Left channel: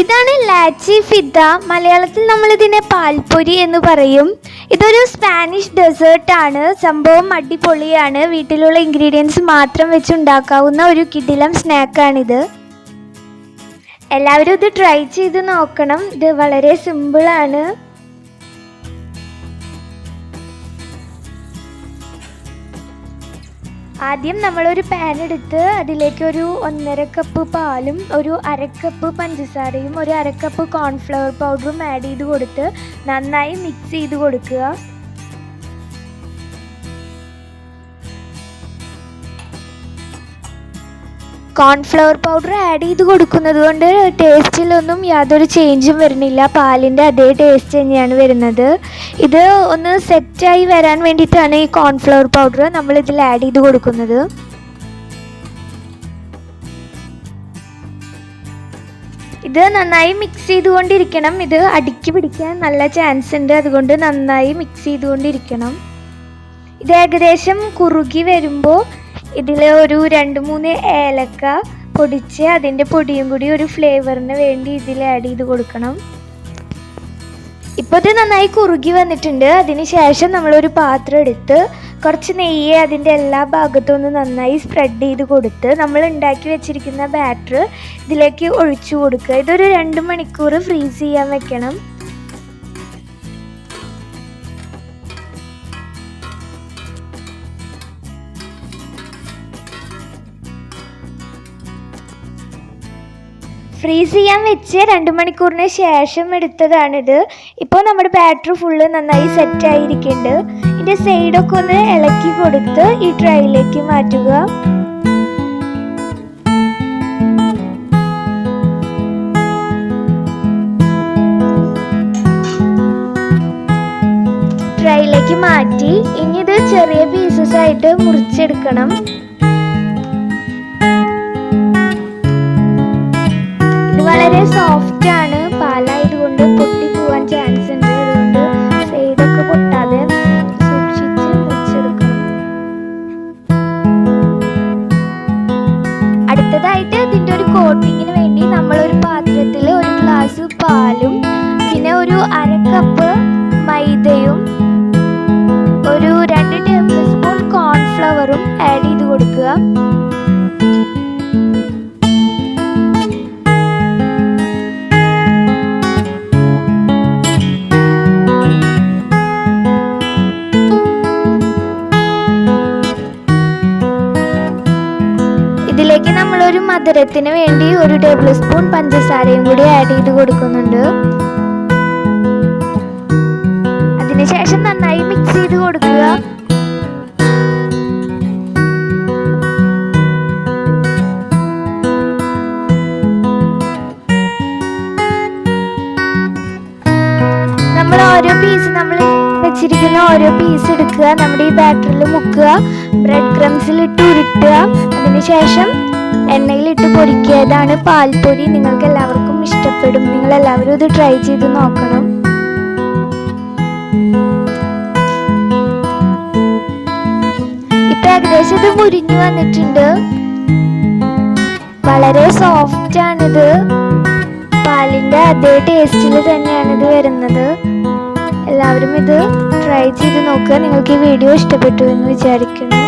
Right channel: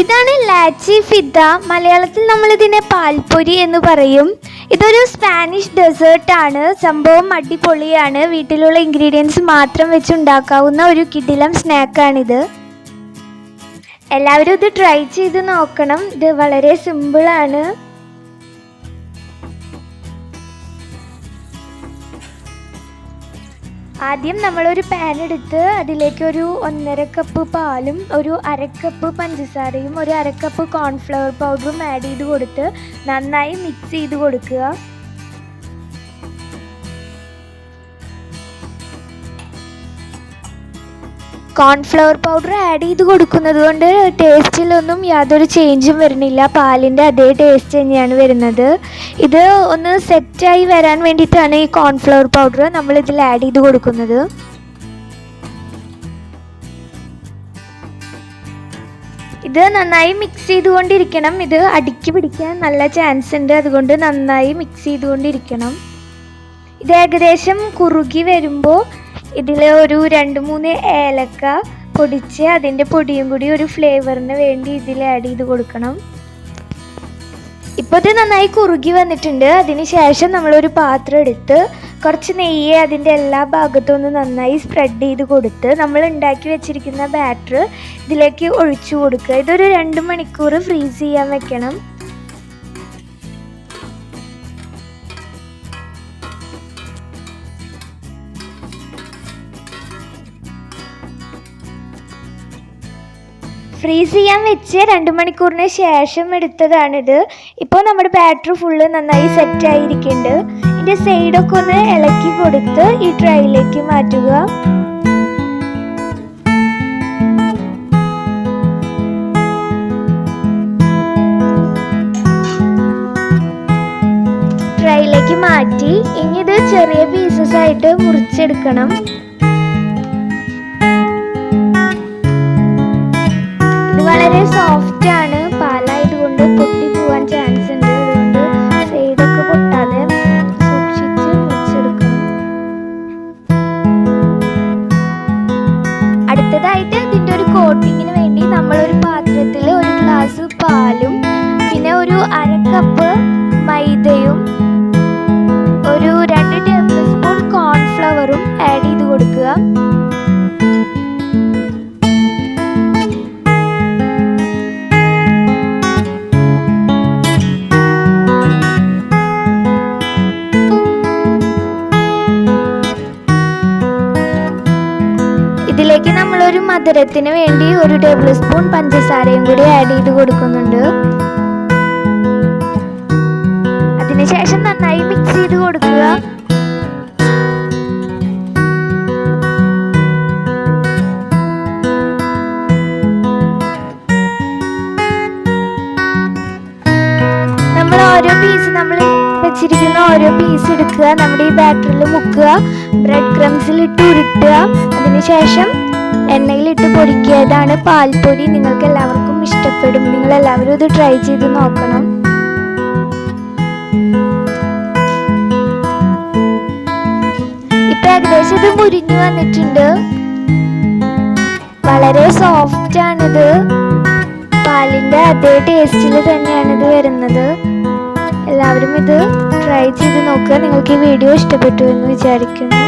ഇതാണ് ലാച്ചി ഫിദ. മലയാളത്തിൽ നമ്മൾ ഇതിനെ പാൽപ്പൊരി എന്ന് പറയും. ഇതൊരു സ്പാനിഷ് ഡെസേർട്ടാണ്. സംഭവം അടിപൊളിയാണ്. വീട്ടിലുള്ള ഇൻഗ്രീഡിയൻസ് മാത്രം വെച്ച് ഉണ്ടാക്കാവുന്ന ഒരു കിടിലം സ്നാക്കാണിത്. എല്ലാവരും ഇത് ട്രൈ ചെയ്ത് നോക്കണം. ഇത് വളരെ സിമ്പിളാണ്. ആദ്യം നമ്മളൊരു പാൻ എടുത്ത് അതിലേക്ക് ഒരു 1.5 കപ്പ് പാലും ഒരു 1/2 കപ്പ് പഞ്ചസാരയും ഒരു 1/2 കപ്പ് കോൺഫ്ലവർ പൗഡറും ആഡ് ചെയ്ത് കൊടുത്ത് നന്നായി മിക്സ് ചെയ്ത് കൊടുക്കുക. കോൺഫ്ലവർ പൗഡർ ആഡ് ചെയ്ത് കൊടുക്കുന്നത് കൊണ്ട് ടേസ്റ്റിലൊന്നും യാതൊരു ചേഞ്ചും വരുന്നില്ല. പാലിൻ്റെ അതേ ടേസ്റ്റ് തന്നെയാണ് വരുന്നത്. ഇത് ഒന്ന് സെറ്റായി വരാൻ വേണ്ടിയിട്ടാണ് ഈ കോൺഫ്ലവർ പൗഡർ നമ്മളിതിൽ ആഡ് ചെയ്ത് കൊടുക്കുന്നത്. ഇത് നന്നായി മിക്സ് ചെയ്തുകൊണ്ടിരിക്കണം. ഇത് അടിക്ക് പിടിക്കാൻ നല്ല ചാൻസ് ഉണ്ട്. അതുകൊണ്ട് നന്നായി മിക്സ് ചെയ്തുകൊണ്ടിരിക്കണം. ഇത് ഏകദേശം കുറുകി വരുമ്പോൾ ഇതിൽ ഒരു 2-3 ഏലക്ക പൊടിച്ച് അതിൻ്റെ പൊടിയും കൂടി ഒരു ഫ്ലേവറിന് വേണ്ടി ഇതിൽ ആഡ് ചെയ്ത് കൊടുക്കണം. ഇപ്പോൾ ഇത് നന്നായി കുറുകി വന്നിട്ടുണ്ട്. അതിന് ശേഷം നമ്മളൊരു പാത്രം എടുത്ത് കുറച്ച് നെയ്യ് അതിൻ്റെ എല്ലാ ഭാഗത്തും ഒന്ന് നന്നായി സ്പ്രെഡ് ചെയ്ത് കൊടുത്ത് നമ്മൾ ഉണ്ടാക്കി വെച്ചിരിക്കുന്ന ബാറ്റർ ഇതിലേക്ക് ഒഴിച്ചു കൊടുക്കുക. ഇതൊരു 2 മണിക്കൂർ ഫ്രീസ് ചെയ്യാൻ വെക്കണം. ഫ്രീസ് ചെയ്യാൻ വെച്ച് 2 മണിക്കൂറിന് ശേഷം എടുത്തതാണിത്. ഇപ്പോൾ നമ്മുടെ ബാറ്റർ ഫുള്ള് നന്നായി സെറ്റായിരിക്കുന്നുണ്ട്. ഇതിൻ്റെ സൈഡൊക്കെ ഒന്ന് ഇളക്കി കൊടുത്ത് ഈ ട്രൈയിലേക്ക് മാറ്റുക. ട്രൈയിലേക്ക് മാറ്റി ഇനി ഇത് ചെറിയ പീസസ് ആയിട്ട് മുറിച്ചെടുക്കണം. ഇത് വളരെ സോഫ്റ്റ് ആണ്. പാലായതുകൊണ്ട് പൊട്ടി പോകാൻ ചാൻസ് ഉണ്ട്. അതുകൊണ്ട് സൈഡൊക്കെ പൊട്ടാതെ സൂക്ഷിച്ച് മുറിച്ചെടുക്കണം. അടുത്തതായിട്ട് ഇതിൻ്റെ ഒരു കോട്ടിങ്ങിന് വേണ്ടി നമ്മളൊരു പാത്രത്തിൽ 1 ഗ്ലാസ് പാലും പിന്നെ ഒരു 1/2 കപ്പ് മൈദയും ഒരു 2 ടേബിൾ സ്പൂൺ കോൺഫ്ലവറും ആഡ് ചെയ്ത് കൊടുക്കുക. ഇതിലേക്ക് നമ്മളൊരു മധുരത്തിന് വേണ്ടി 1 ടേബിൾ സ്പൂൺ പഞ്ചസാരയും കൂടി ആഡ് ചെയ്ത് കൊടുക്കുന്നുണ്ട്. അതിനുശേഷം നന്നായി മിക്സ് ചെയ്ത് കൊടുക്കുക. നമ്മൾ വെച്ചിരിക്കുന്ന ഓരോ പീസ് എടുക്കുക. നമ്മുടെ ഈ ബാറ്ററിൽ മുക്കുക. ബ്രെഡ് ക്രംസിൽ ഇട്ട് ഉരുട്ടുക. അതിനുശേഷം എണ്ണയിലിട്ട് പൊരിക്കുക. ഇതാണ് പാൽപ്പൊരി. നിങ്ങൾക്ക് എല്ലാവർക്കും ഇഷ്ടപ്പെടും. നിങ്ങളെല്ലാവരും ഇത് ട്രൈ ചെയ്ത് നോക്കണം. ഇപ്പം ഏകദേശം ഇത് മുരിഞ്ഞു വന്നിട്ടുണ്ട്. വളരെ സോഫ്റ്റാണിത്. പാലിൻ്റെ അതേ ടേസ്റ്റിൽ തന്നെയാണിത് വരുന്നത്. എല്ലാവരും ഇത് ട്രൈ ചെയ്ത് നോക്കുക. നിങ്ങൾക്ക് ഈ വീഡിയോ ഇഷ്ടപ്പെട്ടു എന്ന് വിചാരിക്കുന്നു.